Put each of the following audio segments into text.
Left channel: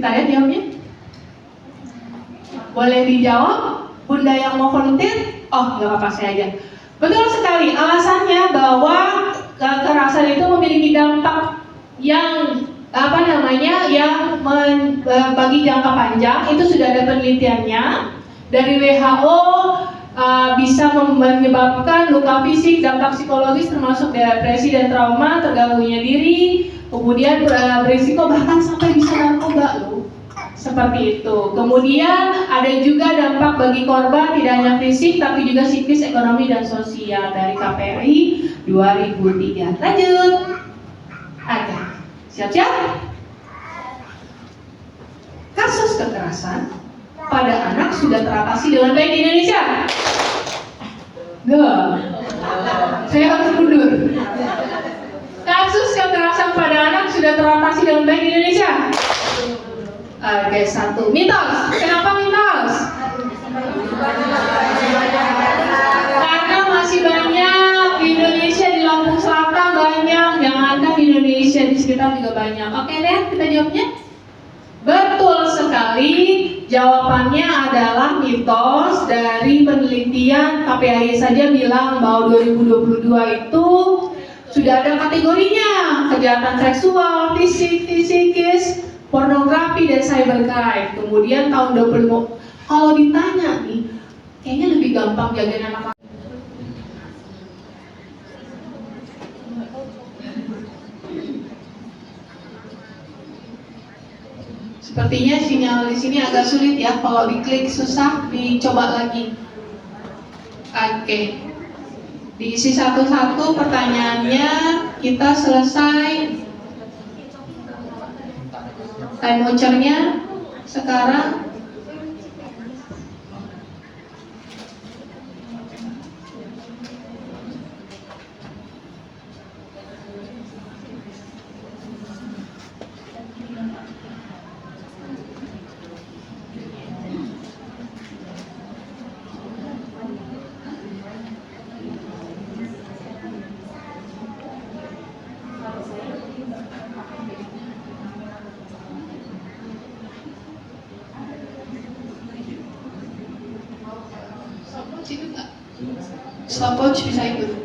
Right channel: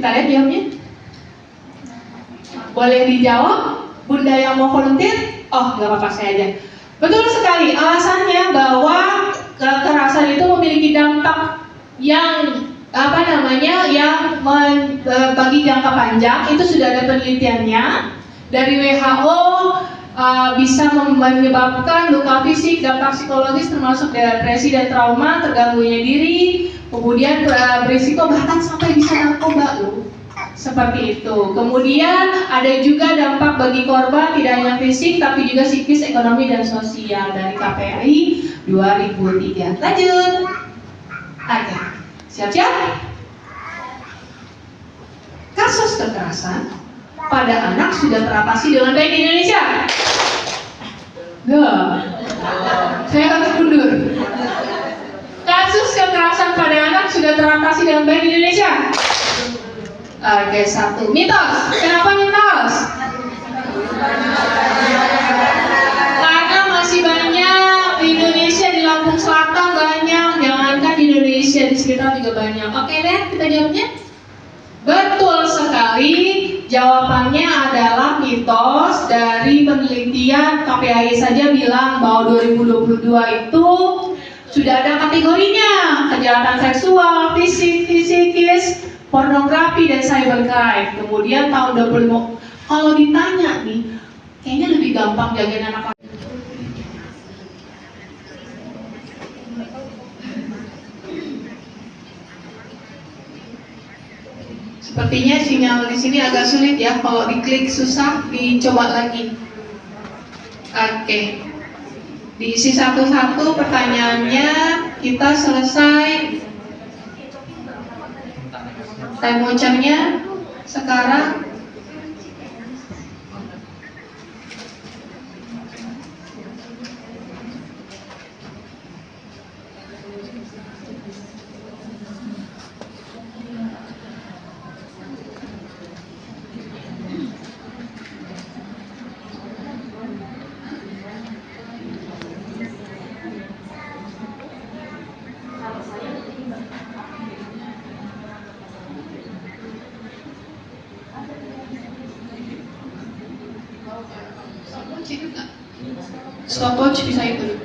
Kita lihat jawabnya. Boleh dijawab, Bunda yang mau volunteer? Oh, nggak apa-apa, saya aja. Betul sekali, alasannya bahwa kekerasan itu memiliki dampak yang bagi jangka panjang. Itu sudah ada penelitiannya dari WHO. Bisa menyebabkan luka fisik, dampak psikologis termasuk depresi dan trauma, terganggunya diri, kemudian berisiko bahkan sampai bisa narkoba loh. Seperti itu. Kemudian ada juga dampak bagi korban tidak hanya fisik tapi juga psikis, ekonomi dan sosial dari KPI 2003. Lanjut. Oke. Siap-siap? Kasus kekerasan pada anak sudah teratasi dengan baik di Indonesia? Enggak. Saya harus mundur. Kasus kekerasan pada anak sudah teratasi dengan baik di Indonesia? Oke, satu. Mitos. Kenapa mitos? Karena masih banyak di Indonesia, di Lampung Selatan banyak, jangankan di Indonesia, di sekitar juga banyak. Oke deh, kita jawabnya. Betul sekali. Jawabannya adalah mitos. Dari penelitian KPAI saja bilang bahwa 2022 itu sudah ada kategorinya: kejahatan seksual, fisik, psikis, pornografi dan cybercrime. Kemudian tahun 2020, kalau ditanya nih, kayaknya lebih gampang jagain anak. Sepertinya sinyal di sini agak sulit ya. Kalau diklik susah, dicoba lagi. Oke. Diisi satu-satu pertanyaannya. Kita selesai. Time vouchernya sekarang. Stopwatch bisa ikut.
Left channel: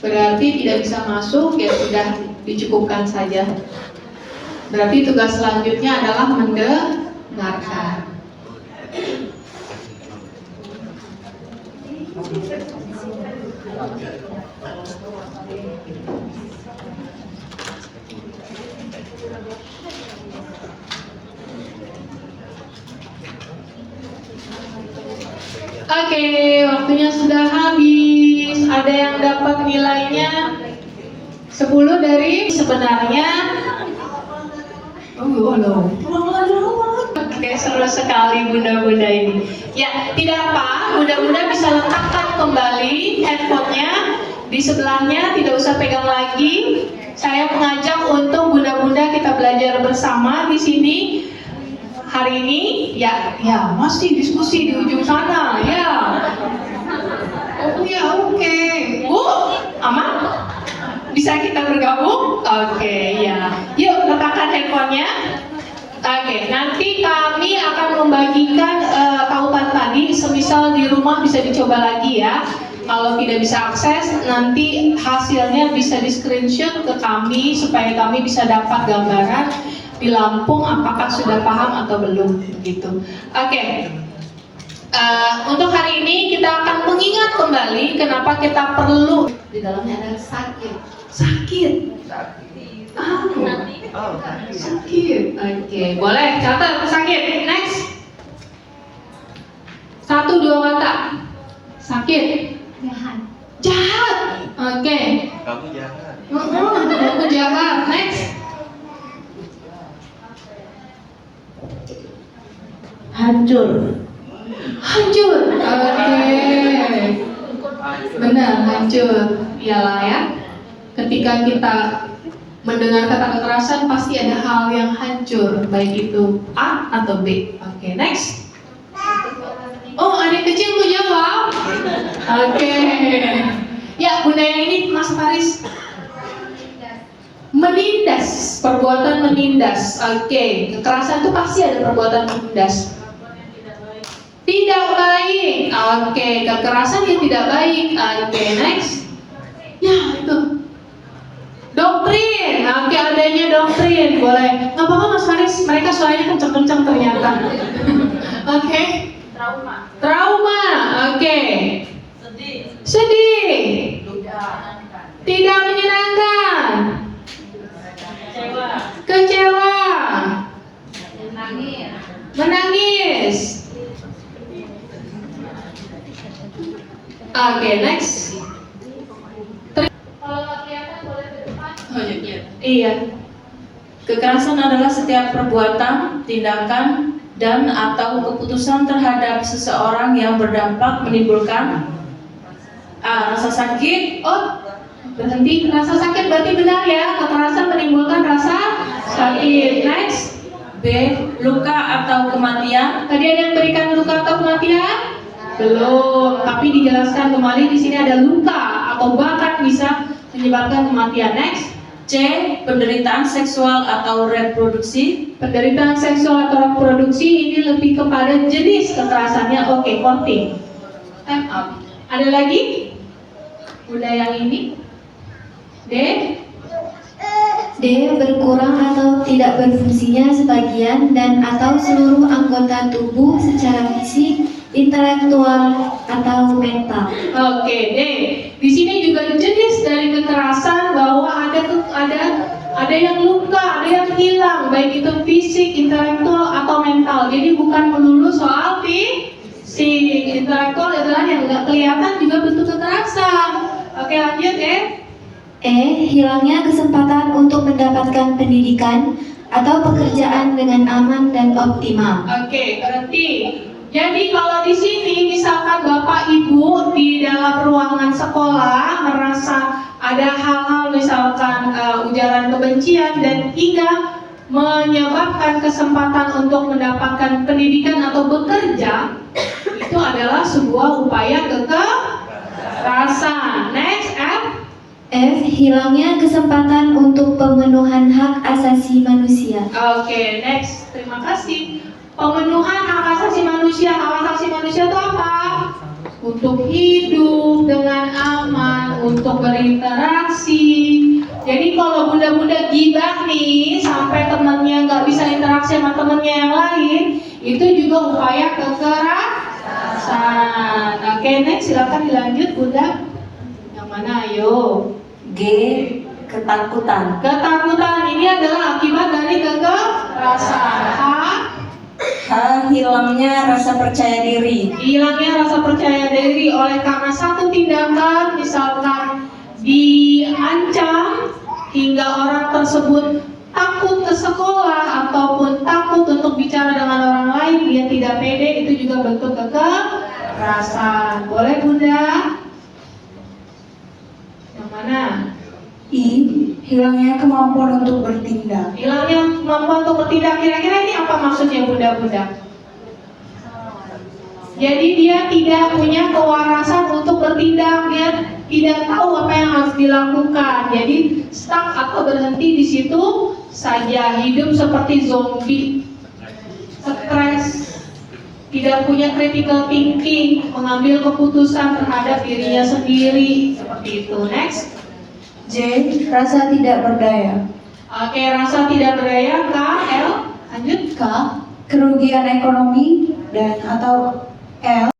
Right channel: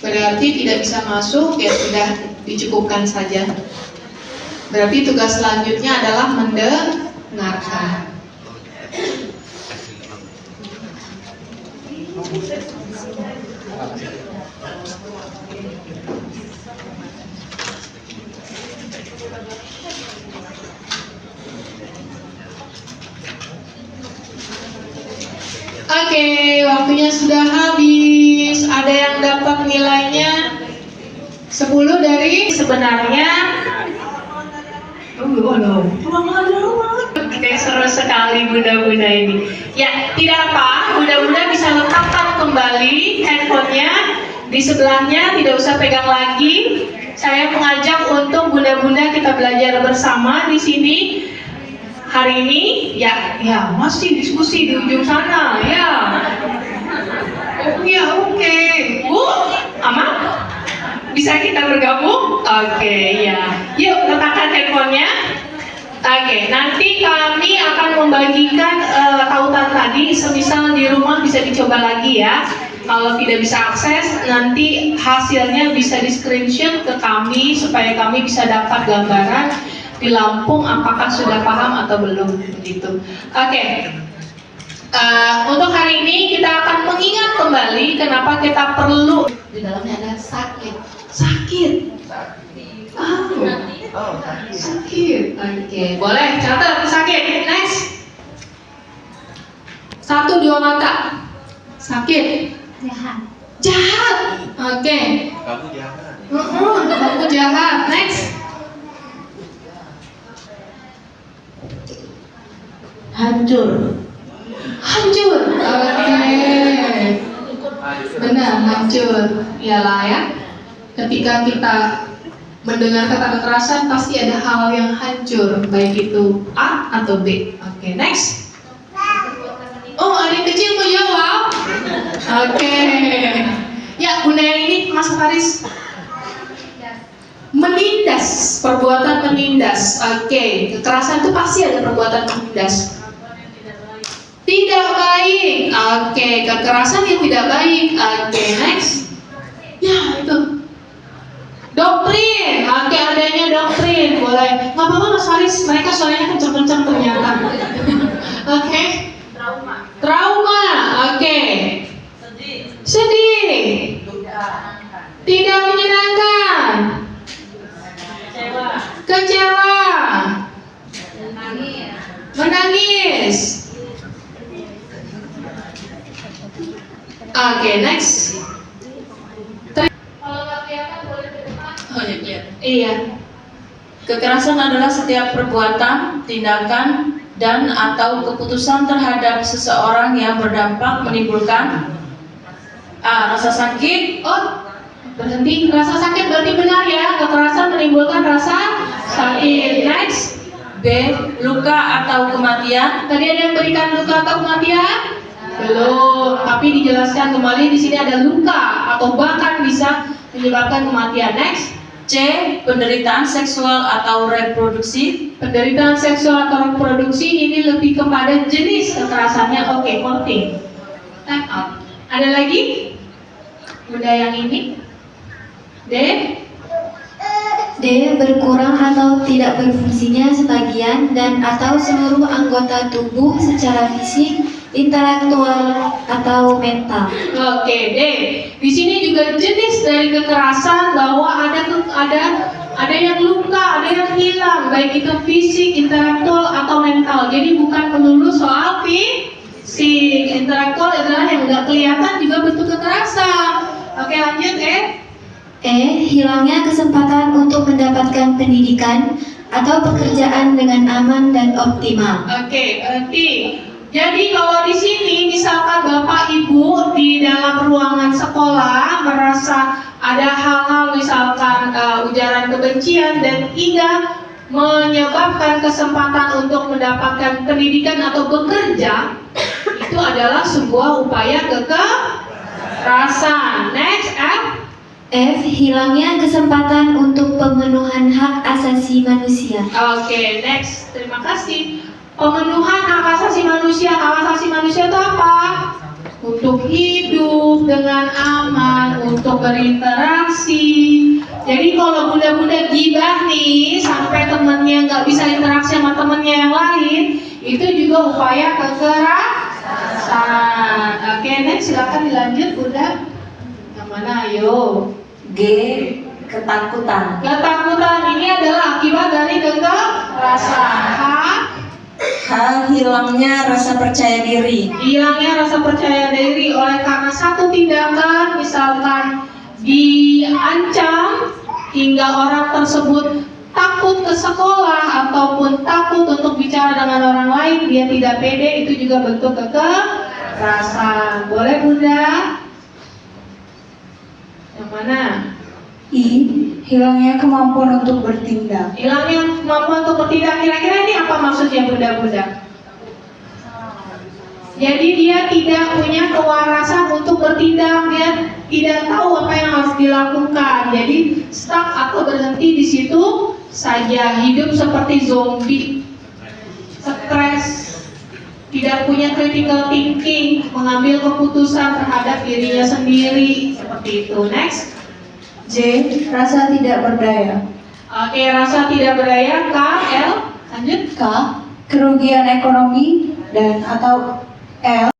Berarti tidak bisa masuk, ya sudah dicukupkan saja. Berarti tugas selanjutnya adalah mendengarkan. Oke, waktunya sudah habis. Ada yang dapat nilainya 10 dari sebenarnya Halo. Oke, seru sekali bunda-bunda ini. Ya, tidak apa, bunda-bunda bisa letakkan kembali handphonenya di sebelahnya, tidak usah pegang lagi. Saya mengajak untuk bunda-bunda kita belajar bersama di sini hari ini. Ya, masih diskusi di ujung sana, ya. Oh ya, oke. Bu, aman? Bisa kita bergabung? Oke, ya. Yuk, letakkan handphonenya. Oke, nanti kami akan membagikan tautan tadi, semisal di rumah bisa dicoba lagi ya. Kalau tidak bisa akses, nanti hasilnya bisa di screenshot ke kami supaya kami bisa dapat gambaran di Lampung apakah sudah paham atau belum begitu. Oke. Untuk hari ini kita akan mengingat kembali kenapa kita perlu di dalamnya ada sakit. Sakit. Oke, boleh catat sakit. Next. 1, 2 kata. Sakit. Jahat. Oke. Kamu jahat. Kamu jahat. Next. Hancur. Oke. Benar, hancur. Iyalah ya. Ketika kita mendengar kata kekerasan pasti ada hal yang hancur, baik itu A atau B. Oke, next. Oh, adik kecil mau jawab? Oke. Ya, bunda yang ini Mas Faris. Menindas, perbuatan menindas. Oke, kekerasan itu pasti ada perbuatan menindas. Tidak baik. Oke, kekerasan yang tidak baik. Oke, next. Ya, itu. Doktrin, oke, adanya doktrin, boleh. Nggak apa-apa Mas Faris, mereka suaranya kencang-kencang ternyata. Oke. Trauma, oke. Sedih. Tidak menyenangkan. Kecewa. Menangis. Oke, next. Iya. Kekerasan adalah setiap perbuatan, tindakan, dan atau keputusan terhadap seseorang yang berdampak menimbulkan A. Rasa sakit. Oh, berhenti. Rasa sakit berarti benar ya. Kekerasan menimbulkan rasa sakit. Next. B. Luka atau kematian. Tadi ada yang berikan luka atau kematian? Belum. Tapi dijelaskan kembali di sini ada luka atau bahkan bisa menyebabkan kematian. Next. C. Penderitaan seksual atau reproduksi. Penderitaan seksual atau reproduksi ini lebih kepada jenis kekerasannya. Oke, konting. Ada lagi? Bunda yang ini? D. D. Berkurang atau tidak berfungsinya sebagian dan atau seluruh anggota tubuh secara fisik, intelektual atau mental. Oke, D. Di sini juga jenis dari kekerasan bahwa ada yang luka, ada yang hilang, baik itu fisik, intelektual atau mental. Jadi bukan melulu soal fisik. Intelektual adalah yang nggak kelihatan juga bentuk kekerasan. Oke, lanjut E. Hilangnya kesempatan untuk mendapatkan pendidikan atau pekerjaan dengan aman dan optimal. Oke, berarti jadi kalau di sini misalkan Bapak Ibu di dalam ruangan sekolah merasa ada hal-hal misalkan ujaran kebencian dan hingga menyebabkan kesempatan untuk mendapatkan pendidikan atau bekerja, itu adalah sebuah upaya kekerasan. Next, F. F. Hilangnya kesempatan untuk pemenuhan hak asasi manusia. Oke, next. Terima kasih. Pemenuhan hak asasi manusia. Hak asasi manusia itu apa? Untuk hidup dengan aman, untuk berinteraksi. Jadi kalau bunda-bunda gibah nih sampai temannya nggak bisa interaksi sama temannya yang lain, itu juga upaya kekerasan. Oke, next, silakan dilanjut bunda. Yang mana? Ayo. G. Ketakutan. Ketakutan ini adalah akibat dari kekerasan. H. Hilangnya rasa percaya diri. Hilangnya rasa percaya diri oleh karena satu tindakan, misalkan diancam hingga orang tersebut takut ke sekolah ataupun takut untuk bicara dengan orang lain, dia tidak pede, itu juga bentuk kekerasan. Boleh Bunda? Yang mana? I. Hilangnya kemampuan untuk bertindak. Hilangnya kemampuan untuk bertindak. Kira-kira ini apa maksudnya Bunda-Bunda? Jadi dia tidak punya kewarasan untuk bertindak, dia tidak tahu apa yang harus dilakukan. Jadi stuck atau berhenti di situ saja, hidup seperti zombie, stres, tidak punya critical thinking, mengambil keputusan terhadap dirinya sendiri, seperti itu. Next. J. Rasa tidak berdaya. Oke, rasa tidak berdaya. K, L, lanjut. K. Kerugian ekonomi dan atau L.